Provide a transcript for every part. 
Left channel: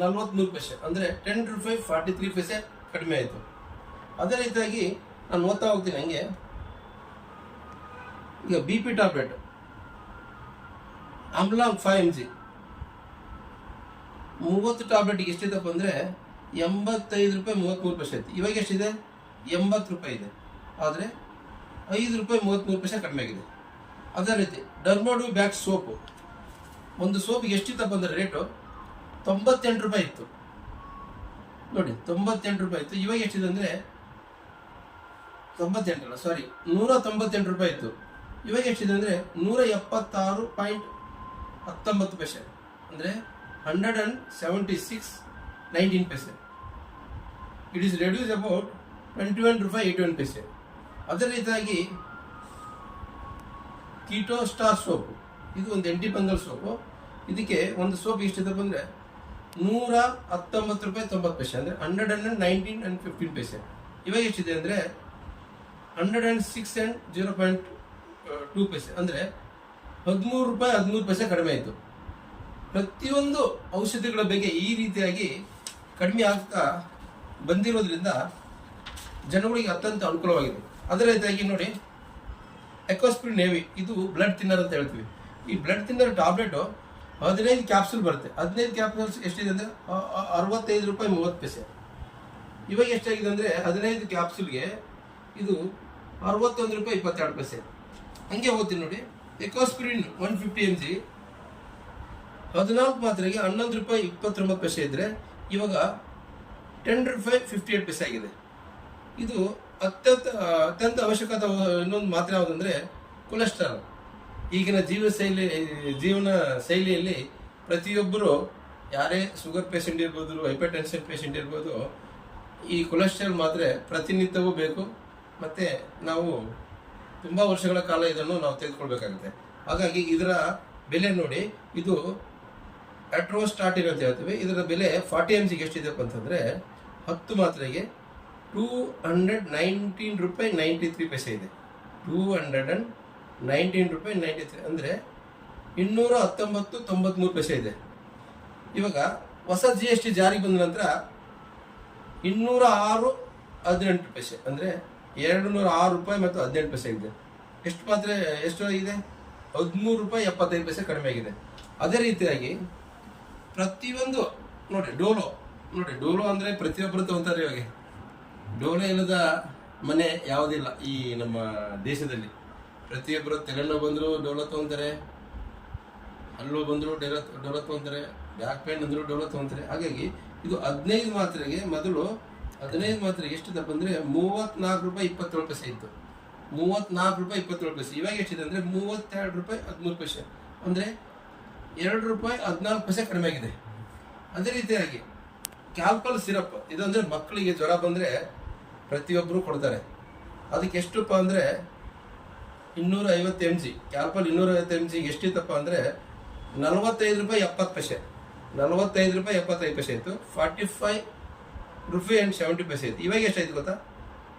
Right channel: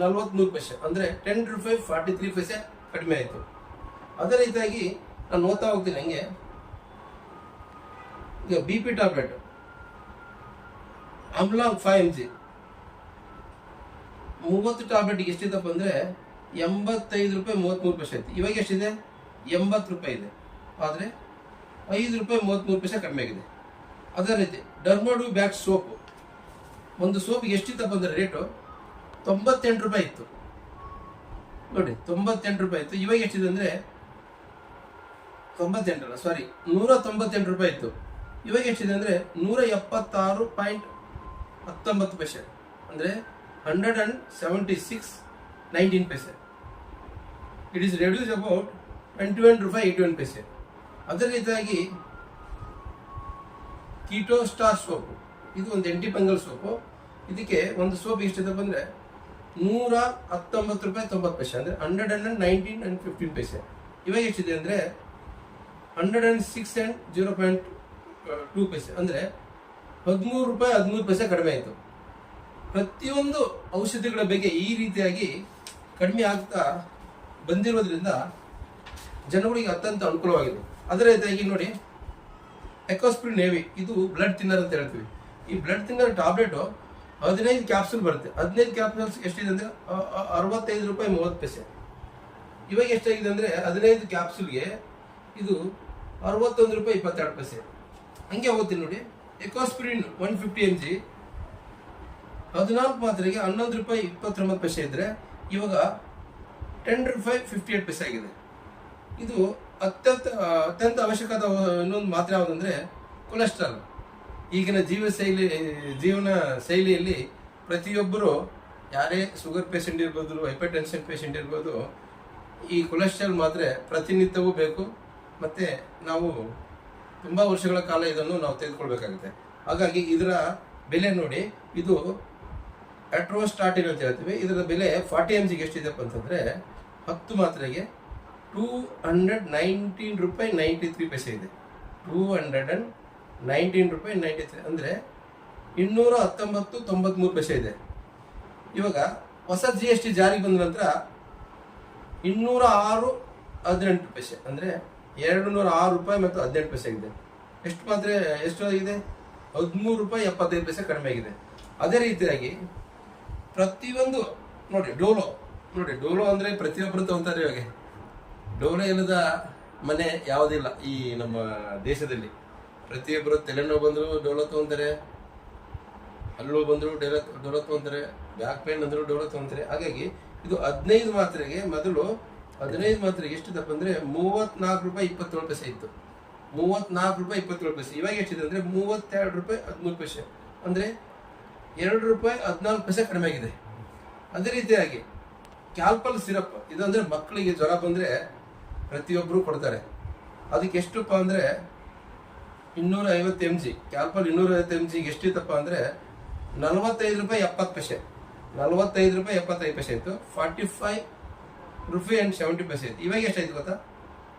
43 ಪೈಸೆ, ಅಂದರೆ 10 ರೂಪಾಯಿ 43 ಪೈಸೆ ಕಡಿಮೆ ಆಯಿತು. ಅದೇ ರೀತಿಯಾಗಿ ನಾನು ಓದ್ತಾ ಹೋಗ್ತೀನಿ ಹಂಗೆ. ಈಗ ಬಿ ಪಿ ಟ್ಯಾಬ್ಲೆಟ್ ಆಮ್ಲಾಂಗ್ 5 mg 30 ಟ್ಯಾಬ್ಲೆಟ್ಗೆ ಎಷ್ಟಿದಪ್ಪ ಅಂದರೆ 85 ರೂಪಾಯಿ 33 ಪೈಸೆ ಇತ್ತು. ಇವಾಗ ಎಷ್ಟಿದೆ? 80 ರೂಪಾಯಿ ಇದೆ. ಆದರೆ 5 ರೂಪಾಯಿ 33 ಪೈಸೆ ಕಡಿಮೆ ಆಗಿದೆ. ಅದೇ ರೀತಿ ಡರ್ಮಾಡು ಬ್ಯಾಕ್ ಸೋಪು, ಒಂದು ಸೋಪಿಗೆ ಎಷ್ಟಿತ್ತಪ್ಪ ಅಂದರೆ ರೇಟು 98 ರೂಪಾಯಿ ಇತ್ತು. ನೋಡಿ 98 ರೂಪಾಯಿ ಇತ್ತು. ಇವಾಗ ಎಷ್ಟಿದೆ ಅಂದರೆ 198 ರೂಪಾಯಿ ಇತ್ತು. ಇವಾಗ ಎಷ್ಟಿದೆ ಅಂದರೆ 176.19 ಪೈಸೆ, ಅಂದರೆ 176.19 ಪೈಸೆ. ಇಟ್ ಈಸ್ ರೆಡ್ಯೂಸ್ ಅಬೌಟ್ 21 ರೂಪಾಯಿ 81 ಪೈಸೆ. ಅದೇ ರೀತಿಯಾಗಿ ಕೀಟೋ ಸ್ಟಾರ್ ಸೋಪು, ಇದು ಒಂದು ಆಂಟಿಫಂಗಲ್ ಸೋಪು. ಇದಕ್ಕೆ ಒಂದು ಸೋಪ್ ಎಷ್ಟಿದೆ ಬಂದರೆ 119 ರೂಪಾಯಿ 90 ಪೈಸೆ, ಅಂದರೆ 119.15 ಪೈಸೆ. ಇವಾಗ ಎಷ್ಟಿದೆ ಅಂದರೆ 106.0.2 ಪೈಸೆ, ಅಂದರೆ 13 ರೂಪಾಯಿ 13 ಪೈಸೆ ಕಡಿಮೆ ಆಯಿತು. ಪ್ರತಿಯೊಂದು ಔಷಧಿಗಳ ಬಗ್ಗೆ ಈ ರೀತಿಯಾಗಿ ಕಡಿಮೆ ಆಗ್ತಾ ಬಂದಿರೋದ್ರಿಂದ ಜನಗಳಿಗೆ ಅತ್ಯಂತ ಅನುಕೂಲವಾಗಿದೆ. ಅದೇ ರೀತಿಯಾಗಿ ನೋಡಿ ಎಕೋಸ್ಪ್ರಿನ್ ನೇವಿ, ಇದು ಬ್ಲಡ್ ಥಿನ್ನರ್ ಅಂತ ಹೇಳ್ತೀವಿ. ಈ ಬ್ಲಡ್ ಥಿನ್ನರ್ ಟ್ಯಾಬ್ಲೆಟು 15 ಕ್ಯಾಪ್ಸೂಲ್ ಬರುತ್ತೆ. 15 ಕ್ಯಾಪ್ಸೂಲ್ಸ್ ಎಷ್ಟಿದೆ ಅಂದರೆ 65 ರೂಪಾಯಿ 30 ಪೈಸೆ. ಇವಾಗ ಎಷ್ಟಾಗಿದೆ ಅಂದರೆ 15 ಕ್ಯಾಪ್ಸೂಲ್ಗೆ ಇದು 61 ರೂಪಾಯಿ 22 ಪೈಸೆ. ಹಂಗೆ ಹೋಗ್ತೀನಿ ನೋಡಿ. ಎಕೋಸ್ಪ್ರಿನ್ 150 mg 14 ಮಾತ್ರೆಗೆ 11 ರೂಪಾಯಿ 29 ಪೈಸೆ ಇದ್ದರೆ ಇವಾಗ 10 ರೂಪಾಯಿ 58 ಪೈಸೆ ಆಗಿದೆ. ಇದು ಅತ್ಯಂತ ಅವಶ್ಯಕವಾದ ಇನ್ನೊಂದು ಮಾತ್ರೆ ಯಾವುದಂದರೆ ಕೊಲೆಸ್ಟ್ರಾಲ್. ಈಗಿನ ಜೀವನ ಶೈಲಿಯಲ್ಲಿ ಪ್ರತಿಯೊಬ್ಬರು, ಯಾರೇ ಶುಗರ್ ಪೇಷಂಟ್ ಇರ್ಬೋದು, ಹೈಪರ್ ಟೆನ್ಷನ್ ಪೇಷಂಟ್ ಇರ್ಬೋದು, ಈ ಕೊಲೆಸ್ಟ್ರಾಲ್ ಮಾತ್ರೆ ಪ್ರತಿನಿತ್ಯವೂ ಬೇಕು. ಮತ್ತು ನಾವು ತುಂಬ ವರ್ಷಗಳ ಕಾಲ ಇದನ್ನು ನಾವು ತೆಗೆದುಕೊಳ್ಬೇಕಾಗುತ್ತೆ. ಹಾಗಾಗಿ ಇದರ ಬೆಲೆ ನೋಡಿ, ಇದು ಅಟ್ರೋಸ್ಟಾಟಿನ್ ಅಂತ ಹೇಳ್ತೀವಿ. ಇದರ ಬೆಲೆ 40 mg ಎಷ್ಟಿದೆಪ್ಪ ಅಂತಂದರೆ 10 ಮಾತ್ರೆಗೆ 219 ರೂಪಾಯಿ 93 ಪೈಸೆ ಇದೆ. 219 ರೂಪಾಯಿ 93, ಅಂದರೆ 219.93 ಪೈಸೆ ಇದೆ. ಇವಾಗ ಹೊಸ GST ಜಾರಿಗೆ ಬಂದ ನಂತರ 206.18 ಪೈಸೆ, ಅಂದರೆ 206 ರೂಪಾಯಿ ಮತ್ತು 18 ಪೈಸೆ ಆಗಿದೆ. ಎಷ್ಟು ಮಾತ್ರೆ ಎಷ್ಟು ಆಗಿದೆ? 13 ರೂಪಾಯಿ 75 ಪೈಸೆ ಕಡಿಮೆ ಆಗಿದೆ. ಅದೇ ರೀತಿಯಾಗಿ ಪ್ರತಿಯೊಂದು ನೋಡಿ ಡೋಲೋ ಅಂದರೆ ಪ್ರತಿಯೊಬ್ಬರು ತಗೊಂತಾರೆ. ಇವಾಗ ಡೋಲೋ ಏನದ ಮನೆ ಯಾವುದಿಲ್ಲ ಈ ನಮ್ಮ ದೇಶದಲ್ಲಿ. ಪ್ರತಿಯೊಬ್ಬರು ತಲೆನೋವು ಬಂದರೂ ಡೋಲೋ ತಗೊಂತಾರೆ, ಹಲ್ಲು ಬಂದರೂ ಡೋಲೋ ತಗೊಂತಾರೆ, ಬ್ಯಾಕ್ ಪೇನ್ ಅಂದರೂ ಡೋಲೋ ತಗೊಂತಾರೆ. ಹಾಗಾಗಿ ಇದು 15 ಮಾತ್ರೆಗೆ ಮೊದಲು 15 ಮಾತ್ರೆಗೆ ಎಷ್ಟಿದಪ್ಪ ಅಂದರೆ 34 ರೂಪಾಯಿ 27 ಪೈಸೆ ಇತ್ತು. 34 ರೂಪಾಯಿ 27 ಪೈಸೆ. ಇವಾಗ ಎಷ್ಟಿದೆ ಅಂದರೆ 32 ರೂಪಾಯಿ 13 ಪೈಸೆ, ಅಂದರೆ 2 ರೂಪಾಯಿ 14 ಪೈಸೆ ಕಡಿಮೆ ಆಗಿದೆ. ಅದೇ ರೀತಿಯಾಗಿ ಕ್ಯಾಲ್ಪಲ್ ಸಿರಪ್, ಇದು ಅಂದರೆ ಮಕ್ಕಳಿಗೆ ಜ್ವರ ಬಂದರೆ ಪ್ರತಿಯೊಬ್ಬರು ಕೊಡ್ತಾರೆ. ಅದಕ್ಕೆ ಎಷ್ಟಪ್ಪ ಅಂದರೆ 250 mg. ಕ್ಯಾಲ್ಪಲ್ 250 mg ಎಷ್ಟಿತ್ತಪ್ಪ ಅಂದರೆ 45 ರೂಪಾಯಿ 70 ಪೈಸೆ, 45 ರೂಪಾಯಿ 75 ಪೈಸೆ ಇತ್ತು. 45 ರೂಪಾಯಿ 70 ಪೈಸೆ ಇತ್ತು. ಇವಾಗ ಎಷ್ಟಾಯ್ತು ಗೊತ್ತಾ?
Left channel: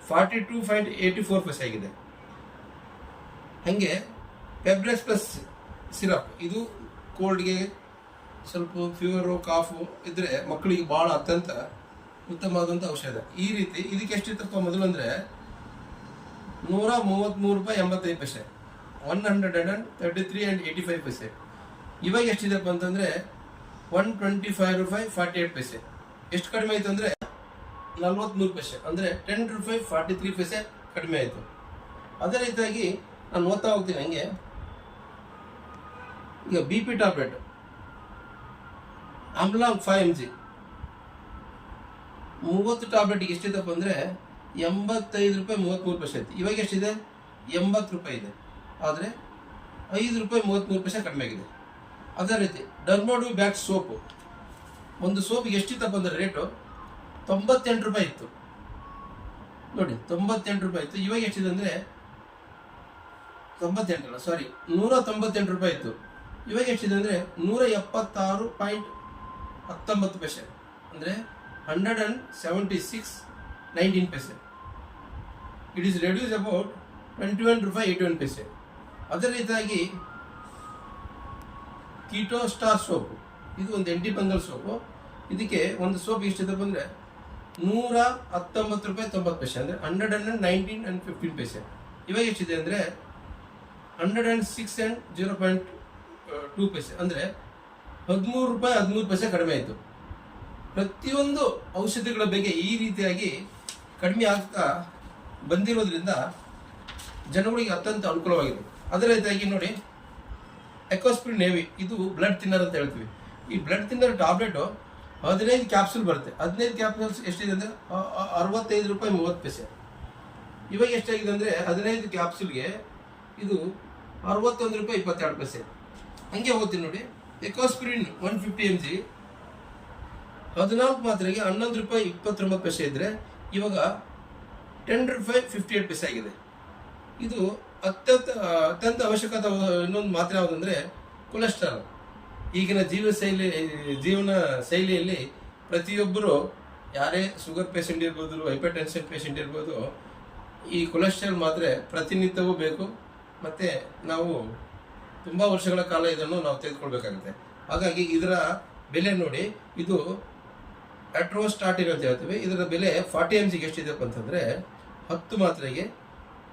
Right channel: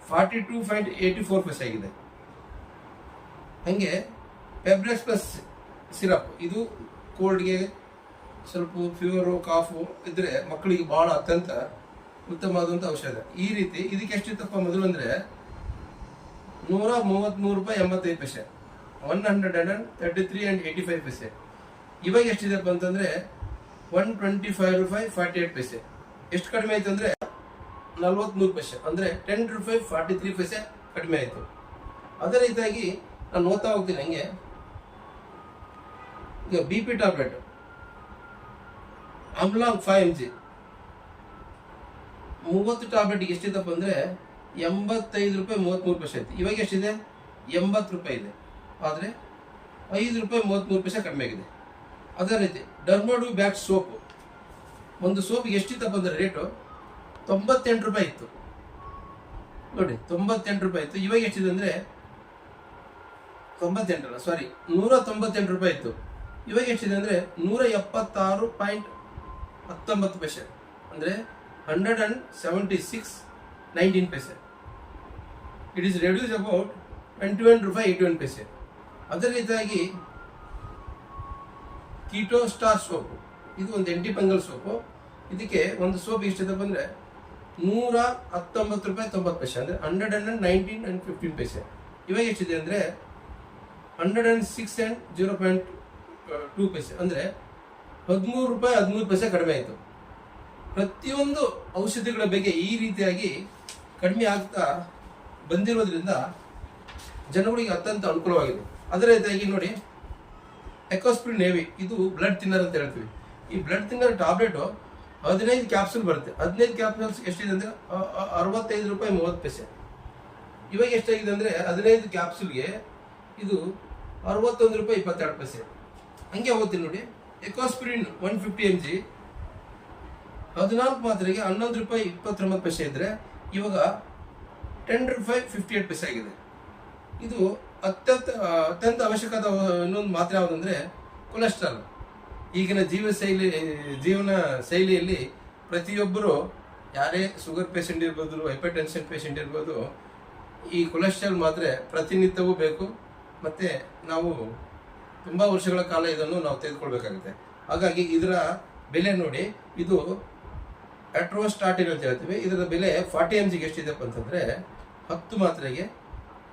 42.84 ಪೈಸೆ ಆಗಿದೆ. ಹಾಗೆ ಪೆಬ್ರೆಕ್ಸ್ ಪ್ಲಸ್ ಸಿರಪ್, ಇದು ಕೋಲ್ಡ್ಗೆ, ಸ್ವಲ್ಪ ಫೀವರು, ಕಾಫು ಇದ್ರೆ ಮಕ್ಕಳಿಗೆ ಭಾಳ ಅತ್ಯಂತ ಉತ್ತಮವಾದಂಥ ಔಷಧ. ಈ ರೀತಿ ಇದಕ್ಕೆ ಎಷ್ಟಿತ್ತಪ್ಪ ಮೊದಲು ಅಂದರೆ 133 ರೂಪಾಯಿ 85 ಪೈಸೆ, 133.85 ಪೈಸೆ. ಇವಾಗ ಎಷ್ಟಿದೆಪ್ಪ ಅಂತಂದರೆ 125 ರೂಪಾಯಿ 48 ಪೈಸೆ. ಎಷ್ಟು ಕಡಿಮೆ ಆಯಿತು ಅಂದರೆ 43 ಪೈಸೆ, ಅಂದರೆ 10 ರೂಪಾಯಿ 43 ಪೈಸೆ ಕಡಿಮೆ ಆಯಿತು. ಅದೇ ರೀತಿಯಾಗಿ ನಾನು ಓದ್ತಾ ಹೋಗ್ತೀನಿ ಹಂಗೆ. ಈಗ ಬಿ ಪಿ ಟ್ಯಾಬ್ಲೆಟ್ ಆಮ್ಲಾಂಗ್ 5 mg 30 ಟ್ಯಾಬ್ಲೆಟ್ಗೆ ಎಷ್ಟಿದಪ್ಪ ಅಂದರೆ 85 ರೂಪಾಯಿ 33 ಪೈಸೆ ಇತ್ತು. ಇವಾಗ ಎಷ್ಟಿದೆ? 80 ರೂಪಾಯಿ ಇದೆ. ಆದರೆ 5 ರೂಪಾಯಿ 33 ಪೈಸೆ ಕಡಿಮೆ ಆಗಿದೆ. ಅದೇ ರೀತಿ ಡರ್ಮಾಡು ಬ್ಯಾಕ್ ಸೋಪು, ಒಂದು ಸೋಪಿಗೆ ಎಷ್ಟಿತ್ತಪ್ಪ ಅಂದರೆ ರೇಟು 98 ರೂಪಾಯಿ ಇತ್ತು. ನೋಡಿ 98 ರೂಪಾಯಿ ಇತ್ತು. ಇವಾಗ ಎಷ್ಟಿದೆ ಅಂದರೆ 198 ರೂಪಾಯಿ ಇತ್ತು. ಇವಾಗ ಎಷ್ಟಿದೆ ಅಂದರೆ 176.19 ಪೈಸೆ, ಅಂದರೆ 176.19 ಪೈಸೆ. ಇಟ್ ಈಸ್ ರೆಡ್ಯೂಸ್ ಅಬೌಟ್ 21 ರೂಪಾಯಿ 81 ಪೈಸೆ. ಅದೇ ರೀತಿಯಾಗಿ ಕೀಟೋ ಸ್ಟಾರ್ ಸೋಪು, ಇದು ಒಂದು ಆಂಟಿಫಂಗಲ್ ಸೋಪು. ಇದಕ್ಕೆ ಒಂದು ಸೋಪ್ ಎಷ್ಟಿದೆ ಬಂದ್ರೆ 119 ರೂಪಾಯಿ 90 ಪೈಸೆ, ಅಂದ್ರೆ 119.15 ಇವಾಗ ಎಷ್ಟಿದೆ ಅಂದ್ರೆ 106.02 ಪೈಸೆ, ಅಂದ್ರೆ 13 ರೂಪಾಯಿ 13 ಪೈಸೆ ಕಡಿಮೆ ಆಯಿತು. ಪ್ರತಿಯೊಂದು ಔಷಧಿಗಳ ಬೆಲೆ ಈ ರೀತಿಯಾಗಿ ಕಡಿಮೆ ಆಗ್ತಾ ಬಂದಿರೋದ್ರಿಂದ ಜನಗಳಿಗೆ ಅತ್ಯಂತ ಅನುಕೂಲವಾಗಿದೆ. ಅದೇ ರೀತಿಯಾಗಿ ನೋಡಿ, ಎಕೋಸ್ಪ್ರಿನ್ ನೇವಿ ಇದು ಬ್ಲಡ್ ಥಿನ್ನರ್ ಅಂತ ಹೇಳ್ತೀವಿ. ಈ ಬ್ಲಡ್ ಥಿನ್ನರ್ ಟಾಬ್ಲೆಟ್ 15 ಕ್ಯಾಪ್ಸೂಲ್ ಬರುತ್ತೆ. 15 ಕ್ಯಾಪ್ಸೂಲ್ಸ್ ಎಷ್ಟಿದೆ ಅಂದ್ರೆ 65 ರೂಪಾಯಿ 30 ಪೈಸೆ. ಇವಾಗ ಎಷ್ಟಾಗಿದೆ ಅಂದ್ರೆ 15 ಕ್ಯಾಪ್ಸೂಲ್ಗೆ ಇದು 61 ರೂಪಾಯಿ 22 ಪೈಸೆ. ಹಂಗೆ ಹೋಗ್ತೀನಿ ನೋಡಿ, ಎಕೋಸ್ಪ್ರಿನ್ 150 mg 14 ಮಾತ್ರೆಗೆ 11 ರೂಪಾಯಿ 29 ಪೈಸೆ ಇದ್ರೆ ಇವಾಗ 10 ರೂಪಾಯಿ 58 ಪೈಸೆ ಆಗಿದೆ. ಇದು ಅತ್ಯಂತ ಅವಶ್ಯಕವಾದ ಇನ್ನೊಂದು ಮಾತ್ರೆ ಯಾವುದಂದ್ರೆ ಕೊಲೆಸ್ಟ್ರಾಲ್. ಈಗಿನ ಜೀವನ ಶೈಲಿಯಲ್ಲಿ ಪ್ರತಿಯೊಬ್ಬರು, ಯಾರೇ ಶುಗರ್ ಪೇಷಂಟ್ ಇರ್ಬೋದು, ಹೈಪರ್ ಟೆನ್ಷನ್ ಪೇಷಂಟ್ ಇರ್ಬೋದು, ಈ ಕೊಲೆಸ್ಟ್ರಾಲ್ ಮಾತ್ರೆ ಪ್ರತಿನಿತ್ಯವೂ ಬೇಕು. ಮತ್ತೆ ನಾವು ತುಂಬಾ ವರ್ಷಗಳ ಕಾಲ ಇದನ್ನು ನಾವು ತೆಗೆದುಕೊಳ್ಬೇಕಾಗುತ್ತೆ. ಹಾಗಾಗಿ ಇದರ ಬೆಲೆ ನೋಡಿ, ಇದು ಅಟ್ರೋಸ್ಟಾಟಿನ್ ಅಂತ ಹೇಳ್ತೀವಿ. ಇದರ ಬೆಲೆ 40 mg ಎಷ್ಟಿದೆಪ್ಪ ಅಂತಂದ್ರೆ 10 ಮಾತ್ರೆಗೆ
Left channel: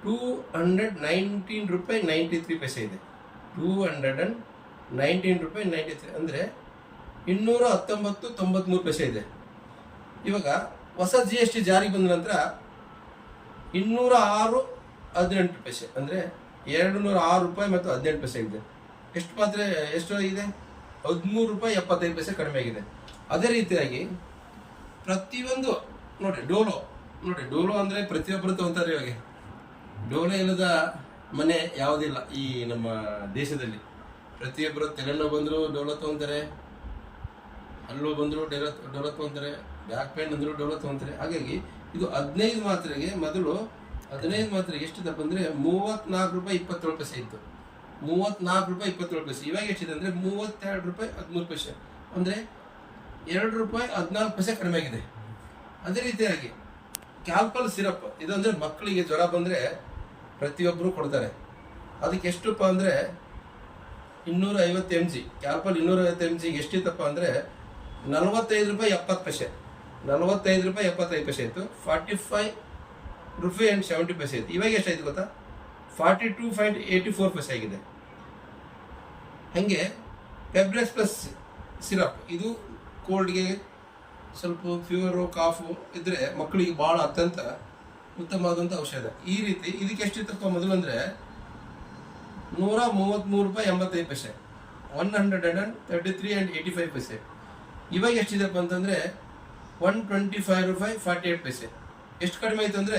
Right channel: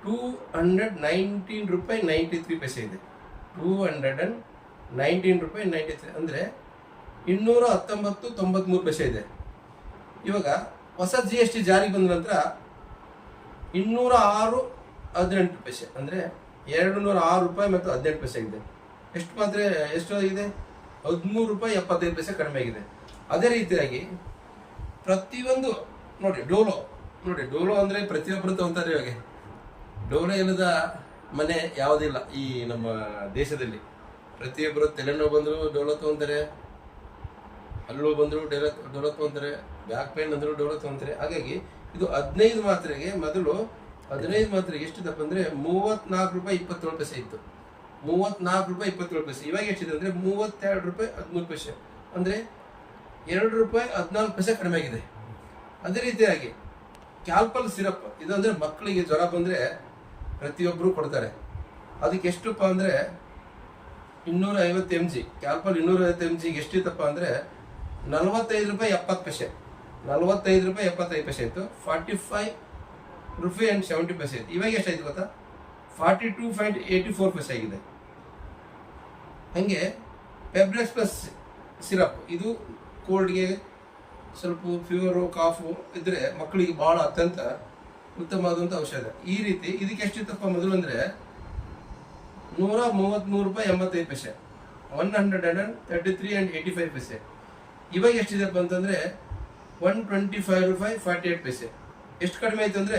219 ರೂಪಾಯಿ 93 ಪೈಸೆ ಇದೆ. 219 ರೂಪಾಯಿ 93 ಅಂದ್ರೆ 219.93 ಪೈಸೆ ಇದೆ. ಇವಾಗ ಹೊಸ GST ಜಾರಿಗೆ ಬಂದ ನಂತರ 206.18 ಪೈಸೆ, ಅಂದ್ರೆ 206 ರೂಪಾಯಿ ಮತ್ತು 18 ಪೈಸೆ ಇದೆ. ಎಷ್ಟು ಆಗಿದೆ? 13 ರೂಪಾಯಿ 75 ಪೈಸೆ ಕಡಿಮೆ ಆಗಿದೆ. ಅದೇ ರೀತಿಯಾಗಿ ಪ್ರತಿಯೊಂದು ನೋಡಿ, ಡೋಲೋ ಅಂದ್ರೆ ಪ್ರತಿಯೊಬ್ಬರು ತಗೊಂತಾರೆ. ಇವಾಗ ಡೋಲೋ ಏನದ ಮನೆ ಯಾವುದಿಲ್ಲ ಈ ನಮ್ಮ ದೇಶದಲ್ಲಿ. ಪ್ರತಿಯೊಬ್ಬರು ತಲೆನೋವು ಬಂದ್ರು ಡೋಲೋ ತಗೊಂತಾರೆ, ಹಲ್ಲು ಬಂದ್ರು ಡೋಲೋ ತಗೊಂತಾರೆ, ಬ್ಯಾಕ್ ಪೇನ್ ಅಂದ್ರು ಡೋಲೋ ತಗೊಂತಾರೆ. ಹಾಗಾಗಿ ಇದು 15 ಮಾತ್ರೆಗೆ ಮೊದಲು 15 ಮಾತ್ರೆಗೆ ಎಷ್ಟಿದಪ್ಪ ಅಂದ್ರೆ 34 ರೂಪಾಯಿ 27 ಪೈಸೆ ಇತ್ತು. 34 ರೂಪಾಯಿ 27 ಪೈಸೆ. ಇವಾಗ ಎಷ್ಟಿದೆ ಅಂದ್ರೆ 32 ರೂಪಾಯಿ 13 ಪೈಸೆ, ಅಂದ್ರೆ 2 ರೂಪಾಯಿ 14 ಪೈಸೆ ಕಡಿಮೆ ಆಗಿದೆ. ಅದೇ ರೀತಿಯಾಗಿ ಕ್ಯಾಲ್ಪಲ್ ಸಿರಪ್, ಇದು ಅಂದ್ರೆ ಮಕ್ಕಳಿಗೆ ಜ್ವರ ಬಂದ್ರೆ ಪ್ರತಿಯೊಬ್ಬರು ಕೊಡ್ತಾರೆ. ಅದಕ್ಕೆ ಎಷ್ಟಪ್ಪ ಅಂದ್ರೆ 250 mg. ಕ್ಯಾಲ್ಪಲ್ 250 mg ಎಷ್ಟಿತ್ತಪ್ಪ ಅಂದ್ರೆ 45 ರೂಪಾಯಿ 70 ಪೈಸೆ, 45 ರೂಪಾಯಿ 75 ಪೈಸೆ ಇತ್ತು. 45 ರೂಪಾಯಿ 70 ಪೈಸೆ ಇತ್ತು. ಇವಾಗ ಎಷ್ಟಾಯ್ತು ಗೊತ್ತಾ? 42.84 ಪೈಸೆ ಆಗಿದೆ. ಹಂಗೆ ಪೆಬ್ರೆಕ್ಸ್ ಪ್ಲಸ್ ಸಿರಪ್, ಇದು ಕೋಲ್ಡ್ಗೆ, ಸ್ವಲ್ಪ ಫೀವರು, ಕಾಫು ಇದ್ರೆ ಮಕ್ಕಳಿಗೆ ಬಹಳ ಅತ್ಯಂತ ಉತ್ತಮವಾದಂಥ ಔಷಧ. ಈ ರೀತಿ ಇದಕ್ಕೆ ಎಷ್ಟಿತ್ತಪ್ಪ ಮೊದಲು ಅಂದ್ರೆ 133 ರೂಪಾಯಿ 85 ಪೈಸೆ, 133.85 ಪೈಸೆ. ಇವಾಗ ಎಷ್ಟಿದೆಪ್ಪ ಅಂತಂದ್ರೆ 125 ರೂಪಾಯಿ 48 ಪೈಸೆ. ಎಷ್ಟು ಕಡಿಮೆ ಆಯ್ತು ಅಂದ್ರೆ